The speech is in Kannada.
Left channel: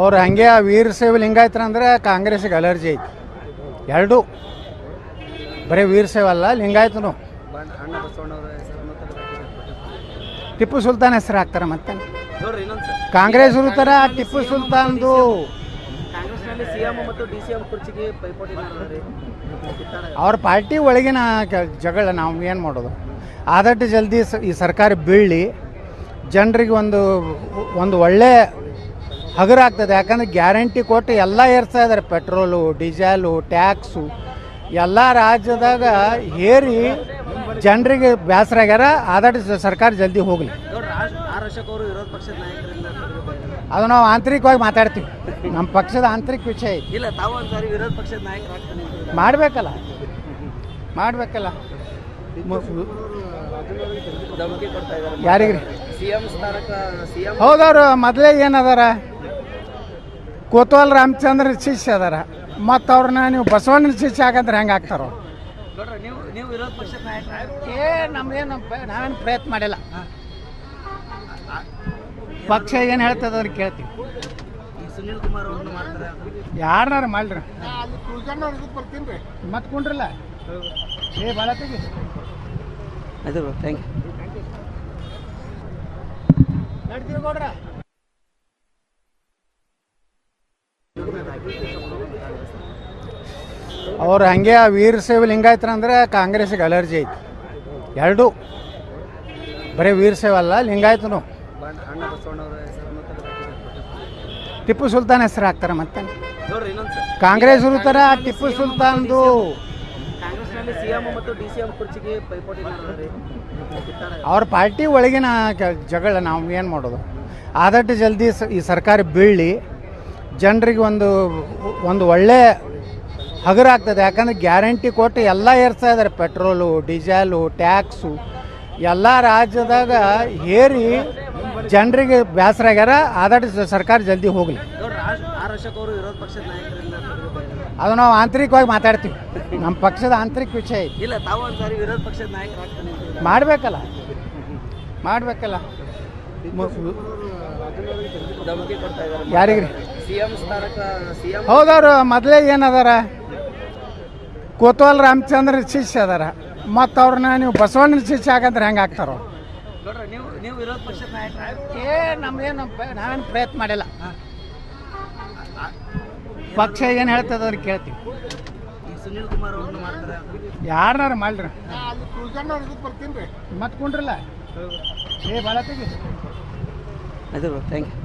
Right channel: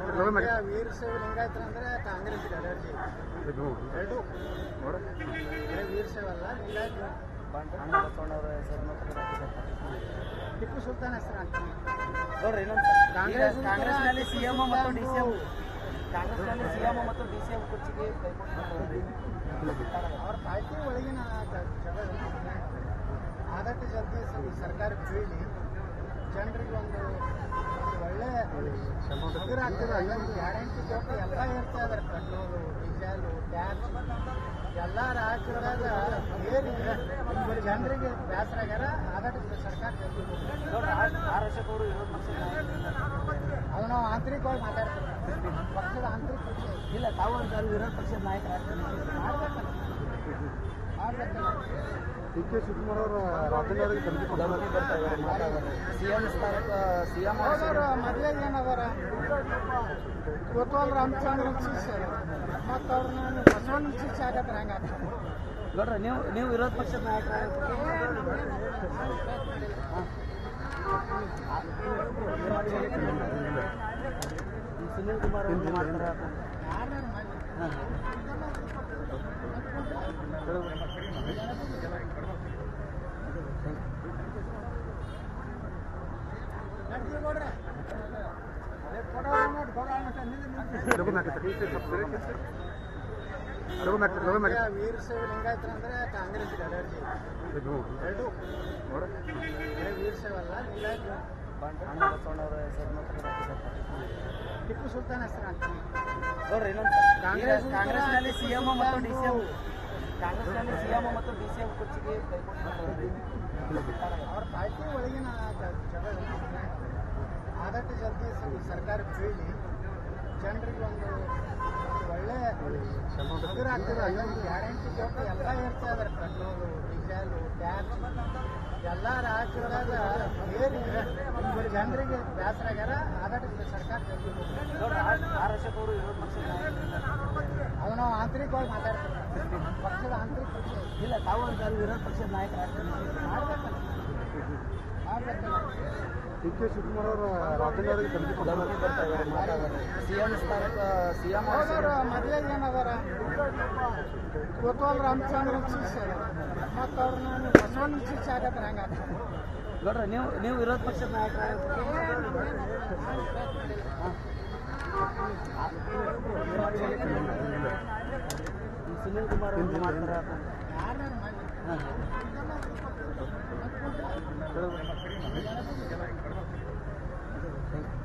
ಅವ್ರು ಹಂಗೆ ವೀರಶೈವ ಲಿಂಗಾಯತರ ಅಂದ್ರೆ ಕಾಂಗ್ರೆಸ್ಸಿಗೆ ಅಲರ್ಜಿ ಐತಿ. ಎರಡು ಬರೀ ವೀರಶೈವ ಅಲ್ಲ, ಲಿಂಗಾಯತನು. ಟಿಪ್ಪು ಸುಲ್ತಾನ್ ಹೆಸರು ಹಾಕ್ತಾರೆ. ಮತ್ತೆ ಕಾಂಗ್ರೆಸ್ ಥರ ಟಿಪ್ಪು ಸುಲ್ತಾನ್ದು ಅವ್ರ ಪಾರ್ಟಿ ಒಳಗಿನ ಜಗಳ ನಾವು ಏನು ಮಾಡೋದು. ಆದಷ್ಟು ಜಲ್ದಿ ಈ ಸರ್ಕಾರ ಬೀಳಿ ಜನರಿಗೆ ಒಂದು ಒಳ್ಳೆ ಹಗುರಾಗ್ತದೆ. ಯಾಕಂದರೆ ಗ್ಯಾರಂಟಿ ಕೊಟ್ಟು ಎಲ್ಲ ಏರ್ಸ್ತಾ ಇದ್ದಾರೆ. ಪೆಟ್ರೋಲು, ಡೀಸೆಲು, ಟ್ಯಾಕ್ಸು ಎಲ್ಲ ರಾಜ್ಯದಾಗ ಹೇರಿ ಜನರಿಗೆ ಬೇಸರ ಆಗ್ಯಾರ. ಆದಷ್ಟು ಸರ್ಕಾರ ಜಲ್ದಿ ಹೋಗಲಿ. ಅದು ನಾವು ಆಂತರಿಕವಾಗಿ ಮಾತಾಡ್ತೀವಿ. ನಮ್ಮ ಪಕ್ಷದ ಆಂತರಿಕ ವಿಷಯ ಐತಿ. ಇಲ್ಲ, ತಾವು ಅಂತಾರೆ ವಿರೋಧ ಪಕ್ಷದ ನಾಯಕರು ಮಾಡಬೇಕಲ್ಲ. ಯಾರಿಗ್ರಿ? ಹೌದವ್ರು ಮೊದಲೇ ಏನದಾರ, ಕೋತ್ವಾಲ್ ರಾಮಚಂದ್ರ ಶಿಷ್ಯ ಅದಾರ. ಮತ್ತು ಅವ್ರನ್ನ ನೀವು ಬಸವಣ್ಣನ ಶಿಷ್ಯ ಆಗಂದ್ರೆ ಹೆಂಗೆ ಆಗ್ತಾರ? ನಮ್ದೇನು ನಾವೇನು ಪ್ರಯತ್ನ ಮಾಡಿಲ್ಲ. ಪಕ್ಷ ಏನು ಹೇಳ್ತದ ಅವ್ರಿಗೆ ಕೇಳ್ತೀವಿ. ಯಾರನ್ನಾರು ಮಾಡ್ರಿ ಮತ್ತೆ ಕುಂಡ್ರಲ್ಲ ಭಾಳ ತೆಗಿ. ಆಯ್ತು ಬ್ರೋ, ಥ್ಯಾಂಕ್ ಯು. ಅವ್ರು ಹಂಗೆ ವೀರಶೈವ ಲಿಂಗಾಯತರ ಅಂದ್ರೆ ಕಾಂಗ್ರೆಸ್ಸಿಗೆ ಅಲರ್ಜಿ ಐತಿ. ಎರಡು ಬರೀ ವೀರಶೈವ ಅಲ್ಲ, ಲಿಂಗಾಯತನು. ಟಿಪ್ಪು ಸುಲ್ತಾನ್ ಹೆಸರು ಹಾಕ್ತಾರೆ. ಮತ್ತೆ ಕಾಂಗ್ರೆಸ್ ಥರ ಟಿಪ್ಪು ಸುಲ್ತಾನ್ದು ಅವ್ರ ಪಾರ್ಟಿ ಒಳಗಿನ ಜಗಳ ನಾವು ಏನು ಮಾಡೋದು. ಆದಷ್ಟು ಜಲ್ದಿ ಈ ಸರ್ಕಾರ ಬೀಳಿ ಜನರಿಗೆ ಒಂದು ಒಳ್ಳೆ ಹಗುರಾಗ್ತದೆ. ಯಾಕಂದರೆ ಗ್ಯಾರಂಟಿ ಕೊಟ್ಟು ಎಲ್ಲ ಏರ್ಸ್ತಾ ಇದ್ದಾರೆ. ಪೆಟ್ರೋಲು, ಡೀಸೆಲು, ಟ್ಯಾಕ್ಸು ಎಲ್ಲ ರಾಜ್ಯದಾಗ ಹೇರಿ ಜನರಿಗೆ ಬೇಸರ ಆಗ್ಯಾರ. ಆದಷ್ಟು ಸರ್ಕಾರ ಜಲ್ದಿ ಹೋಗಲಿ. ಅದು ನಾವು ಆಂತರಿಕವಾಗಿ ಮಾತಾಡ್ತೀವಿ. ನಮ್ಮ ಪಕ್ಷದ ಆಂತರಿಕ ವಿಷಯ ಐತಿ. ಇಲ್ಲ, ತಾವು ಅಂತಾರೆ ವಿರೋಧ ಪಕ್ಷದ ನಾಯಕರು ಮಾಡಬೇಕಲ್ಲ. ಯಾರಿಗ್ರಿ? ಹೌದವ್ರು ಮೊದಲೇ ಏನದಾರ, ಕೋತ್ವಾಲ್ ರಾಮಚಂದ್ರ ಶಿಷ್ಯ ಅದಾರ. ಮತ್ತು ಅವ್ರನ್ನ ನೀವು ಬಸವಣ್ಣನ ಶಿಷ್ಯ ಆಗಂದ್ರೆ ಹೆಂಗೆ ಆಗ್ತಾರ? ನಮ್ದೇನು ನಾವೇನು ಪ್ರಯತ್ನ ಮಾಡಿಲ್ಲ. ಪಕ್ಷ ಏನು ಹೇಳ್ತದ ಅವ್ರಿಗೆ ಕೇಳ್ತೀವಿ. ಯಾರನ್ನಾರು ಮಾಡ್ರಿ ಮತ್ತೆ ಕುಂಡ್ರಲ್ಲ ಭಾಳ ತೆಗಿ. ಆಯ್ತು ಬ್ರೋ, ಥ್ಯಾಂಕ್ ಯು.